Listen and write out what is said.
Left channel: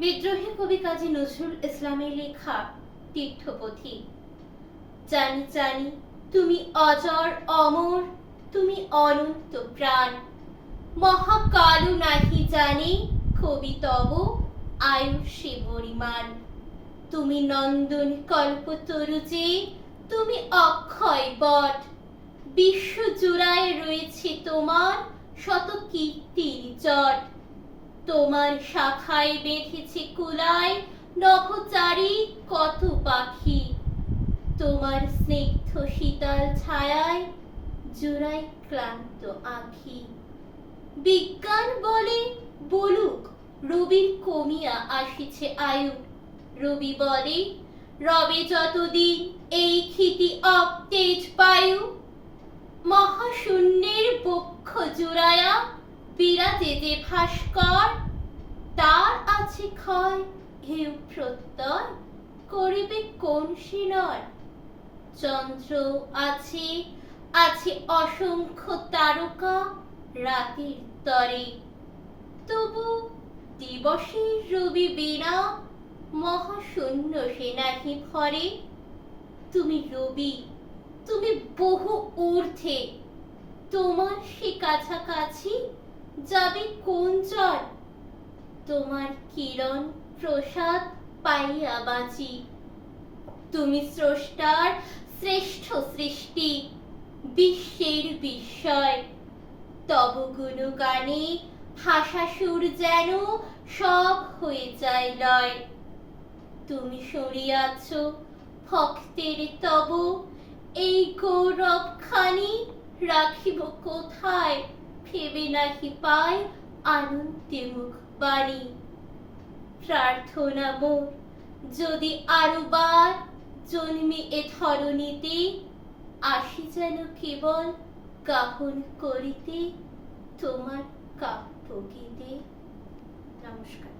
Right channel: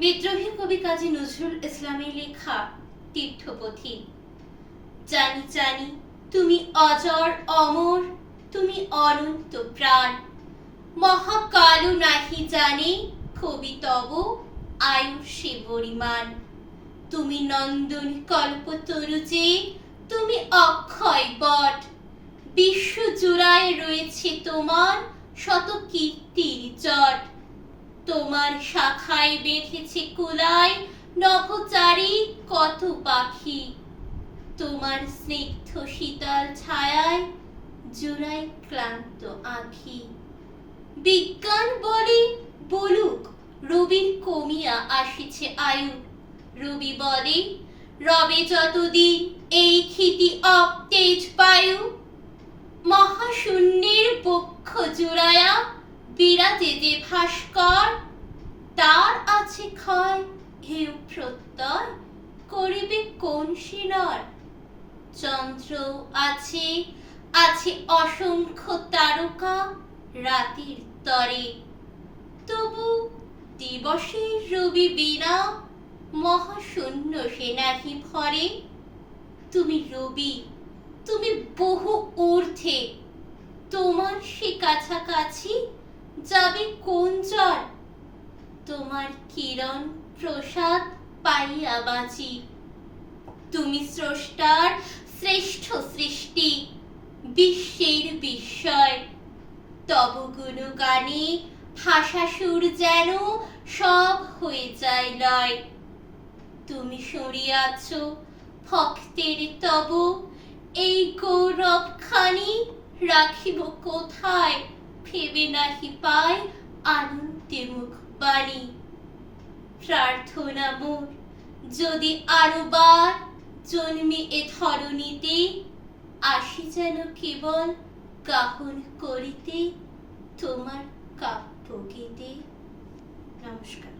বিদ্রোহী কবি কাজী নজরুল ইসলামের লেখা তীর্থপথী। জানি জানি তুমি অজর অমর, তুমি অনন্ত প্রাণ। মহাকালও নাহি জানে কবি তব আয়ুষে পরিমাণ। তুমি নন্দন কল্পতরু যে, তুমি অক্ষয় বট। বিশ্ব জুড়ায় রয়েছে তোমার শত কীর্তির জট। তোমার শাখায় বেঁধেছে কুলায় নভোচারী কত পাখি। তোমার স্নিগ্ধ শীতল ছায়ায় জুড়াই ক্লান্ত আঁখি। বিজ্ঞান বলে বলুক রবির কমিয়া আসিছে আয়ু। রবি বলে রবে যতদিন এই ক্ষিতি অবতেজ বায়ু। মহাশূন্যের বক্ষ জুড়ায়া বিরাজে যে ভাস্কর, তার আছে ক্ষয় হেউ প্রত্যয় করিবে কোন সিনর। চন্দ্র আছে আছে অসংখ্য তারকা রাতের তরে, তবু দিবসের রবি বিনা মহাশূন্য সে নাহি ভরে। তুমি রবি, তুমি বহু ঊর্ধ্বে, তোমার সে কাছাকাছি যাবে কোন জন। তোমার কিরণ প্রসাদ পাইয়া বাঁচি। তুমি স্রষ্টার শ্রেষ্ঠ সৃষ্টি, বিশ্বের বিস্ময়। তব গুণগানে ভাষা সুর যেন সব হয়ে যায় লয়। তুমি সরিয়াছ ভক্তের তব এই গৌরব খানি, রাখিব কোথায় ভেবে নাহি পায় আনন্দে মুখ বাণী। প্রার্থনা মোর যদি আরো বার জন্মে এ ধরণীতে, আসি যেন কেবল গাহন করিতে তোমার কাব্য গীতে। নমস্কার।